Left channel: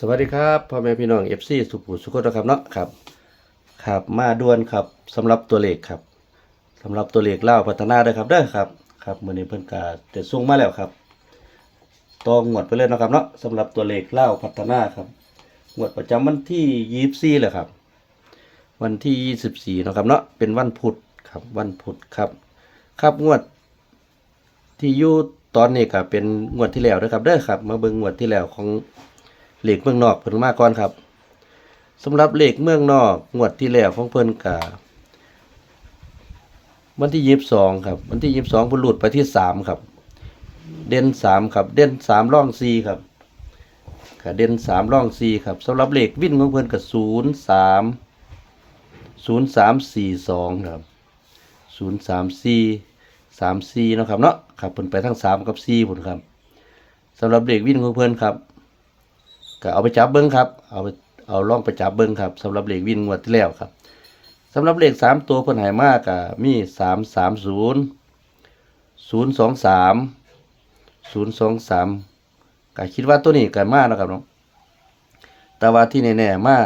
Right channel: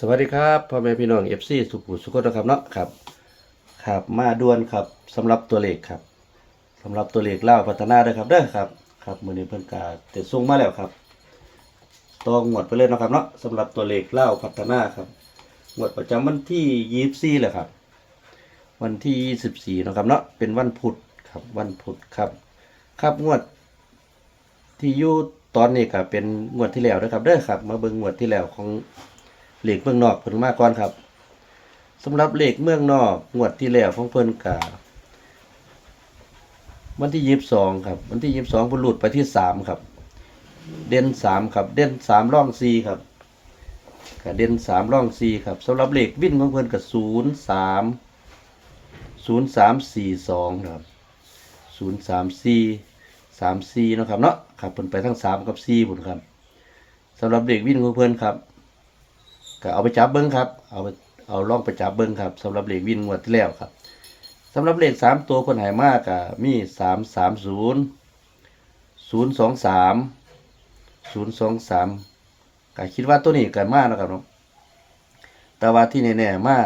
สวัสดีครับพ่อแม่พี่น้องเอฟซีสุขุสุขนะครับเนาะครับครับมาด่วนครับสำหรับตัวเลขครับสำหรับตัวเลขเล่าพัฒนาเด้อครับเด้อครับครับมือนี้เพิ่นก็จะส่งมาแล้วครับตองงวดไปเลยนะครับเนาะสำหรับตัวเลขเล่าพัฒนาครับงวดประจำวันที่24แหละครับ วันที่24เนะครับเนาะเป็นวันพุธครับวันพุธครับ ครับงวด ที่ยู่ตอนนี้ก็เป็นงวดที่แล้วนะครับเด้อครับ มาเบิ่งงวดที่แล้วของ เหล็กเมืองนอกเพิ่นมาก่อนครับสำหรับเหล็กเมืองนอกงวดที่แล้วของเพิ่นก็วันที่ยี่สิบสองครับ วันที่ยี่สิบสองเพิ่นหลุดไปที่สามครับ เด่นสามครับ เด่นสามร่องสี่ครับก็เด่นสามร่องสี่ครับสำหรับเหล็กวิ่นของเพิ่นก็ศูนย์สามศูนย์สามสี่สองครับศูนย์สามสี่สามสี่นะครับเนาะครับเพิ่นไปทั้งสามกับสี่พุ่นครับสำหรับเด็กวิ่นของเพิ่นครับ ก็เอาไปจับเบิ้งครับ เอาไปเอาล่องไปจับเบิ้งครับสำหรับเลขวินงวดที่แล้วครับสำหรับเลขสามตัวคนหายมากกะมีสามสามศูนย์ศูนย์สองสามศูนย์สองสามก็คิดว่าตัวนี้กันมากนะครับเนาะแต่ว่าที่แน่ๆมา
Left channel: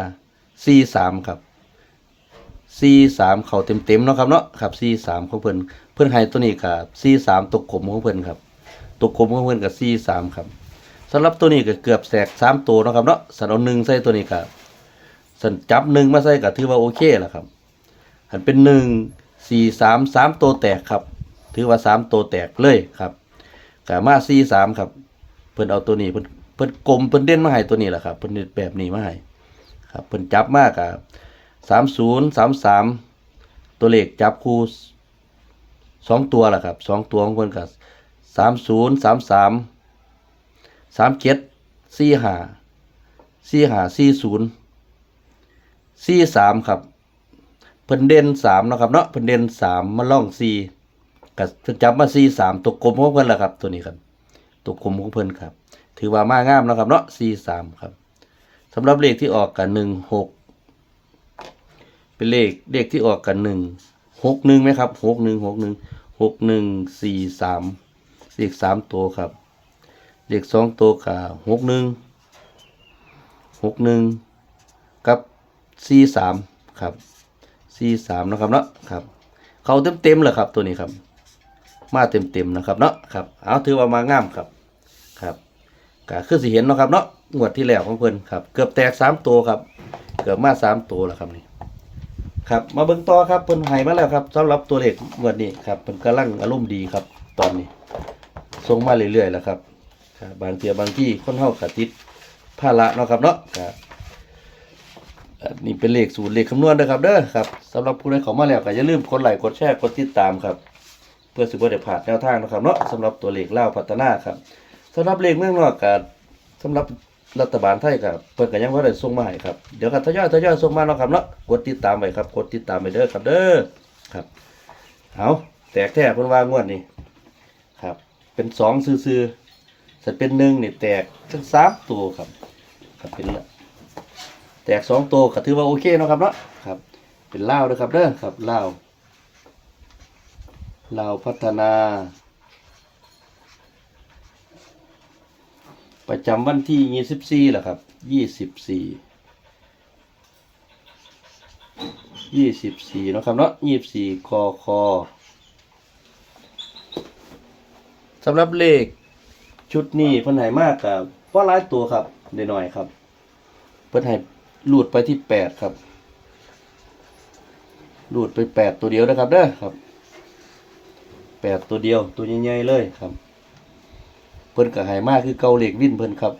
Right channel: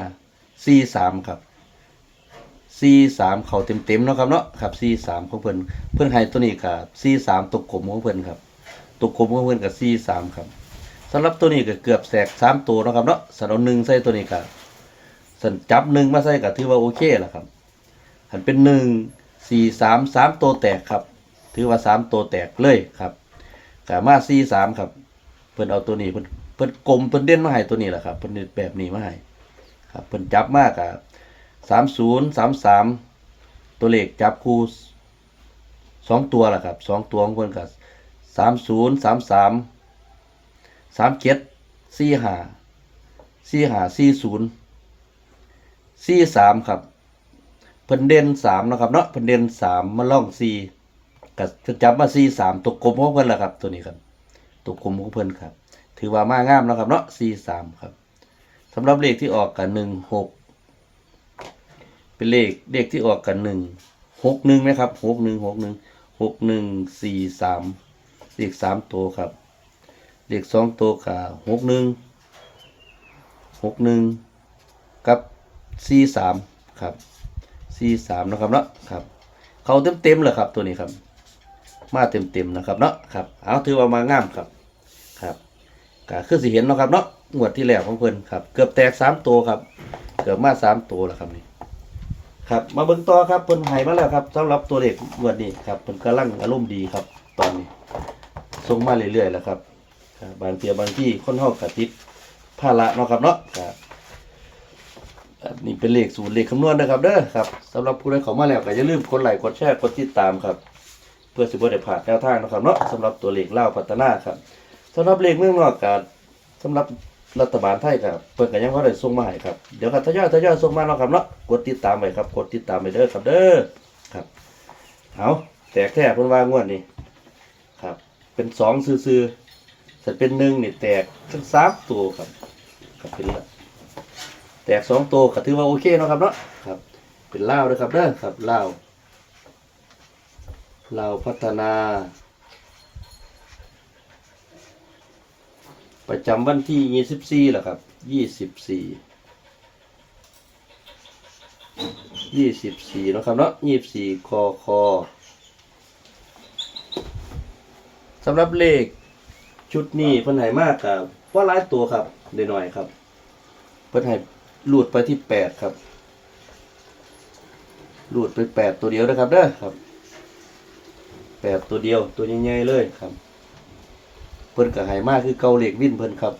สี่สามครับสี่สามเขาเต็มๆเนาะครับเนาะครับสี่สามของเพิ่อนเพิ่อนให้ตัวนี้กับสี่สามตกกลมของเพิ่อนครับตกกลมของเพิ่อนกับสี่สามครับ สำหรับตัวนี้ก็เกือบแสกสามตัวนะครับเนาะสันเอาหนึ่งใส่ตัวนี้ก็สันจับหนึ่งมาใส่ก็ถือว่าโอเคแล้วครับหันเป็นหนึ่งสี่สามสามตัวแตกครับ ถือว่าสามตัวแตกเลยครับกามาสี่สามครับ เพิ่นเอาตัวนี้เพิ่นเพิ่นกลมเพิ่นเด่นมาให้ตัวนี้แหละครับ เพิ่นแบบนี้มาให้ครับเพิ่นจับมากกับสามศูนย์สามสามตัวเลขจับคู่สองตัวแหละครับสองตัวของเพิ่นกับสามศูนย์สามสาม สามเจ็ดสี่ห้าสี่ห้าสี่ศูนย์สี่สามครับเพิ่นเด่นสามนะครับเนาะเพิ่นเด่นสามมาล่องสี่กับจับมาสี่สามตัวกลมของเพิ่นละครับตัวนี้ครับตัวกลมของเพิ่นครับ ถือว่ามากงามนะครับเนาะสี่สามครับสำหรับเลขที่ออกกันหนึ่งหกเป็นเลขเลขที่ออกกันหนึ่งหกหนึ่งไหมครับหกหนึ่งหกหนึ่งหกหนึ่งสี่สามเลขสามตัวครับ เลขสองตัวกับหกหนึ่งหกหนึ่งกับสี่สามครับสี่สามนะครับเนาะครับเขาเต็มเต็มเลยครับตัวนี้ครับ มาเต็มเต็มนะครับเนาะครับเอาถือว่ามางามครับครับก็คือสิเห็นเนาะครับเนาะงวดที่แล้วของเพิ่นครับ เกือบแตกสามตัวครับ เกือบมาสามตัวแล้วครับนี่ครับมาเบิ่งต่อครับเพิ่นให้มาแล้วครับสำหรับตัวเลขงวดนี้ครับเพิ่นกำลังอารมณ์ดีครับ ตอนนี้ส่งมาเรื่อยๆแล้วครับ บางเทียบางที่คนเฮากะติดภาระเนาะครับเนาะครับนี่เป็นเลขสูตรเลขคำนวณนะครับเด้อครับสำหรับผู้ใดเข้ามาแล้วก็อย่าลืมกดไลค์กดแชร์กดติดตามครับ เพื่อสิบ่ได้พลาดแนวทางนะครับเนาะสำหรับตัวเลขเล่าพัฒนาครับสำหรับเลขเมืองนอกก็สำหรับรัฐบาลไทยก็เพิ่นก็ยังบ่ได้ส่งมาให้ครับเดี๋ยวก็ทยอยทยอยส่งมาเนาะครับเนาะกดติดตามไว้ครับกดติดตามไว้เด้อครับเด้อครับเอาแตกแท้เพิ่นว่างวดนี้ครับ เป็นสองซื่อๆ ถ้าเป็นหนึ่งเนี่ยแตกทั้งสามตัวครับครับเป็นละแตกสองตัวก็ถือว่าโอเคเนาะครับเนาะครับ เป็นเลาวนะครับเด้อครับเลาวลาพัฒนา ประจำวันที่ยี่สิบสี่แหละครับยี่สิบสี่ยี่สิบสี่นาะครับเนาะยี่สิบสี่คอคอสำหรับเลข ชุดนี้เพิ่นให้มากครับเพราะหลายตัวครับเดี๋ยวหน่อยครับ เพิ่นให้ลุดไปที่แปดครับลุดไปแปดตัวเดียวนะครับเด้อครับแปดตัวเดียวตัวใหญ่ๆเลยครับ เพิ่นก็ให้มากคือเกาเหล็กวิ่นเพิ่นครับ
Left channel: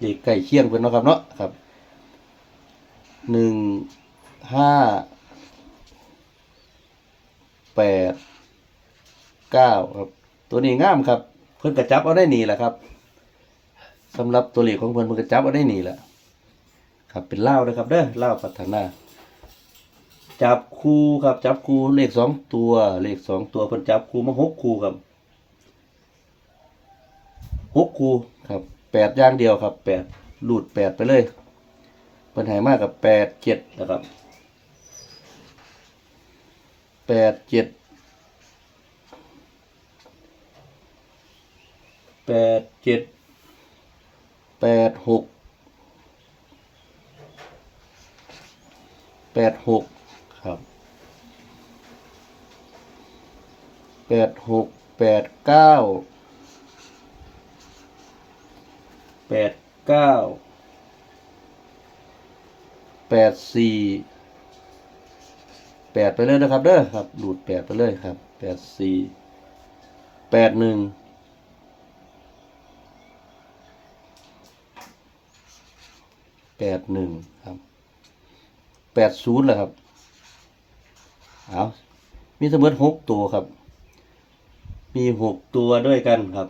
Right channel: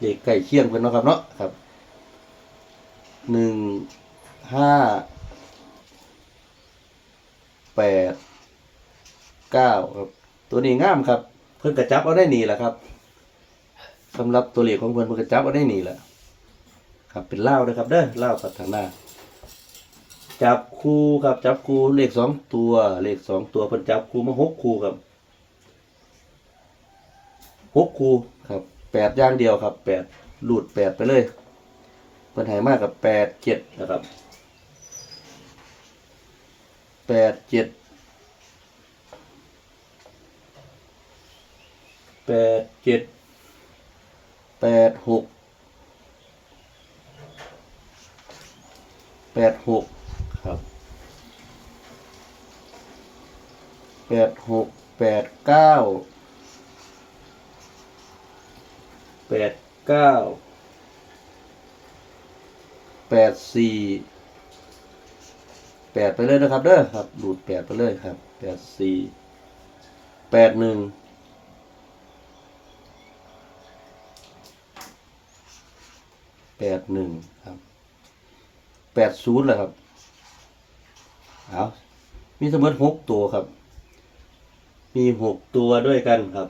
เหล็กไก่เคียงเพิ่นเนาะครับเนาะครับหนึ่งห้าแปดเก้าครับตัวนี้งามครับ เพิ่นกระจับเอาได้หนีแหละครับสำหรับตัวเลขของเพิ่นเพิ่นกระจับเอาได้หนีแหละครับเป็นเล่านะครับเด้อเล่าพัฒนา จับคู่ครับจับคู่เลขสองตัวเลขสองตัวเพิ่นจับคู่มาหกคู่ครับหกคู่ครับแปดอย่างเดียวครับแปดหลุดแปดไปเลยเพิ่นหายมากกับแปดเจ็ดนะครับแปดเจ็ด แปดเจ็ดแปดหกแปดหกครับแปดหกแปดเก้าแปดเก้าแปดสี่แปดไปเลยนะครับเด้อครับ ดูดแปดไปเลยครับแปดสี่แปดหนึ่ง แปดหนึ่งครับแปดศูนย์เหรอครับเอามีเสมอหกตัวครับ มีหกตัวด้วยกันครับ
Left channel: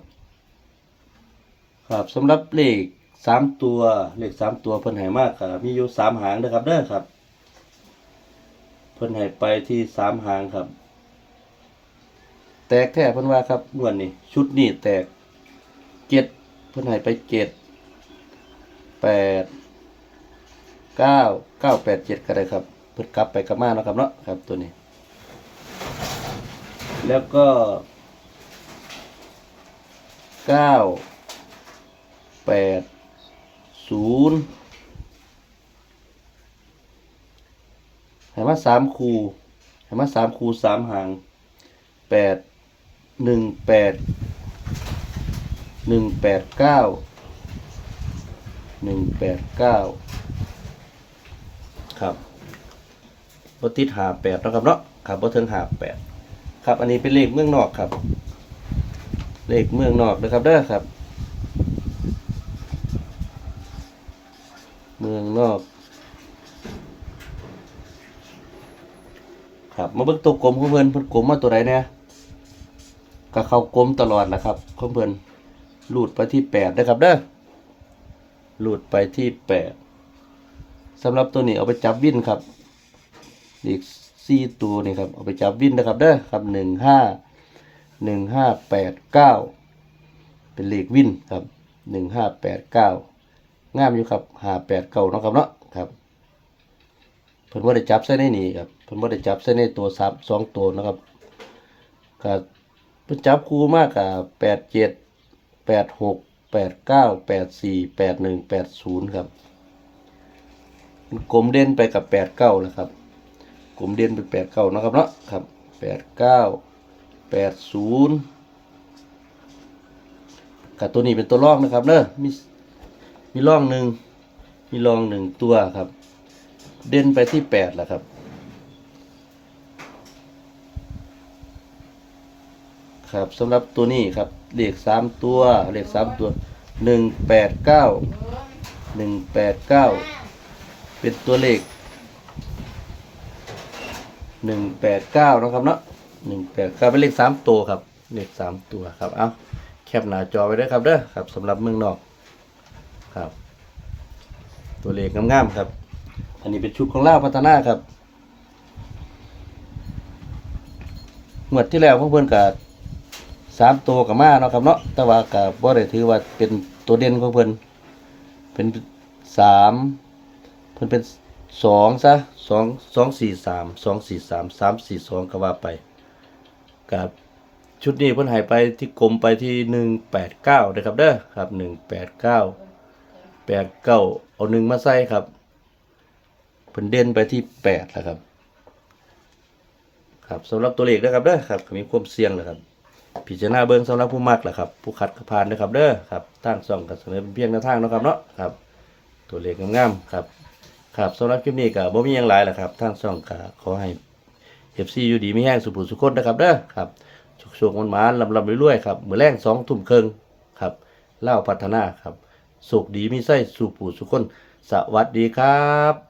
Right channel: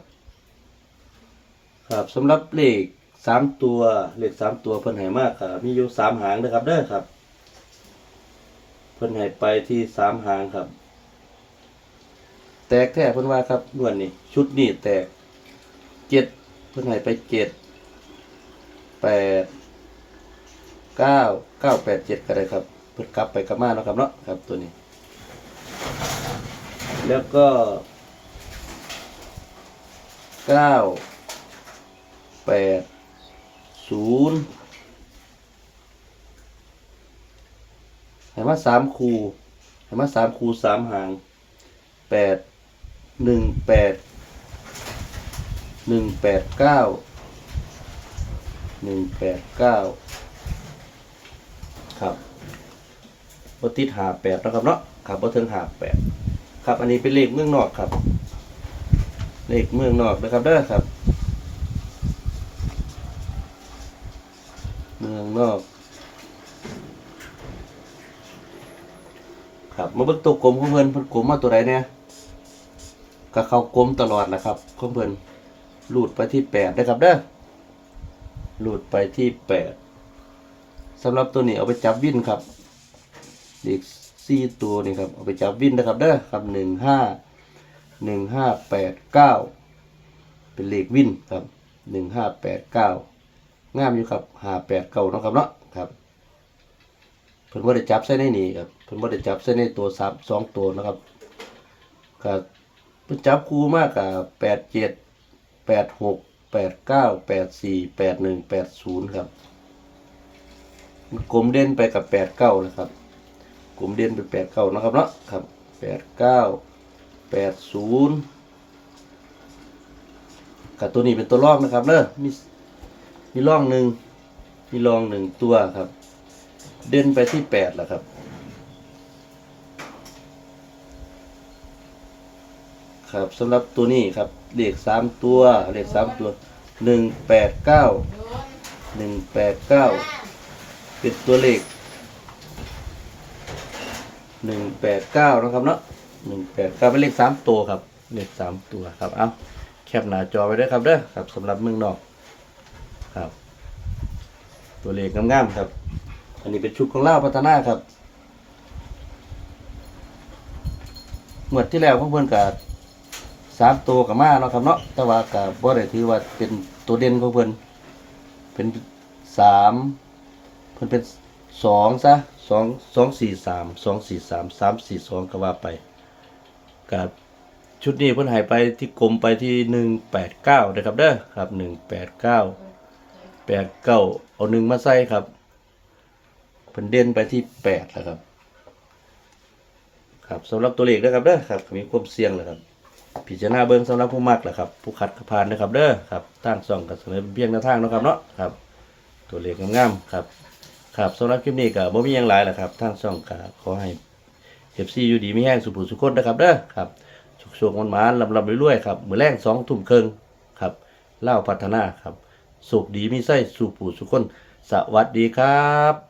ครับสำหรับเลขสามตัวเลขสามตัวเพิ่นให้มากครับมีอยู่สามหางนะครับเด้อครับ เพิ่นให้ไปที่สามหางครับ แตกแค่เพิ่นว่าครับงวดนี้ชุดนี้แตกเจ็ดเพิ่นให้ไปเจ็ดแปด เก้าเก้าแปดเจ็ดก็ได้ครับเพิ่นกลับไปกลับมาเนาะครับเนาะครับตัวนี้ แล้วก็เก้าแปดศูนย์ให้มาสามคูให้มาสามคูสามหางแปดหนึ่งแปดหนึ่งแปดเก้าหนึ่งแปดเก้า ครับบติดหาแปดนะครับเนาะครับบถึงหาแปดครับ อันนี้เป็นเลขเมืองนอกครับ เลขเมืองนอกนะครับเด้อครับ เมืองนอก ครับมาเบิ่งตัวกลมของเพิ่อนเพิ่นกลมมาตัวใดเนี่ยก็เข้ากลมตลอดนะครับของเพิ่อนลูดไปที่แปดนะครับเด้อลูดไปที่แปด สำหรับตัวนี้เอาไปจับวินครับเด็กสี่ตัวนี่ครับเอาไปจับวินนะครับเด้อครับหนึ่งห้าหนึ่งห้าแปดเก้าเป็นเลขวินครับหนึ่งห้าแปดเก้างามอยู่ครับห้าแปดเก้านะครับเนาะครับเพิ่นว่าได้จับใส่ในนี่ครับเพิ่นว่าได้จับใส่ในตัวสามสองตัวนะครับครับเพิ่นจับคู่มากกับแปดเจ็ดแปดหกแปดเก้าแปดสี่แปดหนึ่งแปดศูนย์ครับ กลมเด่นไปกับแปดเก้านะครับกลมเด่นไปแปดเก้านะครับเนาะครับแปดเก้าแปดศูนย์กับตัวนี้เป็นตัวร่องนะครับเนอะมีมีร่องหนึ่งมีร่องหนึ่งตัวครับ เด่นไปที่แปดแหละครับครับสำหรับตัวนี้ครับเลขสามตัวเลขสามตัวหนึ่งแปดเก้าหนึ่งแปดเก้า เป็นตัวเลขหนึ่งแปดเก้านะครับเนาะหนึ่งแปดเก้าเป็นเลขสามตัวครับ เลขสามตัวครับ เอาแคปหน้าจอไว้ด้วยครับเด้อครับสำหรับเมืองนอกครับ ตัวเลขงามๆครับ อันนี้เป็นชุดของล่าพัฒนาครับงวดที่แล้วของเพื่อนกับสามตัวกับมาเนาะครับเนาะแต่ว่ากับบ่ได้ถือว่าเป็นตัวเด่นของเพื่อนเป็นสาม พิ่นเป็นสองซะสองสองสี่สามสองสี่สามสามสี่สองก็ว่าไปกับชุดนี้เพิ่นหายไปที่กลมไปที่หนึ่งแปดเก้านะครับเด้อครับหนึ่งแปดเก้าแปดเก้าเอาหนึ่งมาใส่ครับเพิ่นเด่นไปที่แปดแล้วครับครับสำหรับตัวเลขนะครับเด้อครับมีความเสี่ยงเลยครับพิจารณาเบิ่งสำหรับผู้มักแหละครับ ผู้คัดกระพานนะครับเด้อครับทางส่องกับเสนอเป็นเพียงแนวทางนะครับเนาะครับ ตัวเลขงามๆครับ ครับสำหรับคลิปนี้ก็บ่มีอยังหลายแหละครับทางช่องก็ขอให้เอฟซีอยู่ดีมีแห้งสุขสุขคนนะครับเด้อครับสุขๆมันๆลำๆรวยๆครับมือแรง2ทุ่มครึ่งครับเล่าพัฒนาครับสุขดีมีไส้สุขผู้สุขคน สวัสดีครับ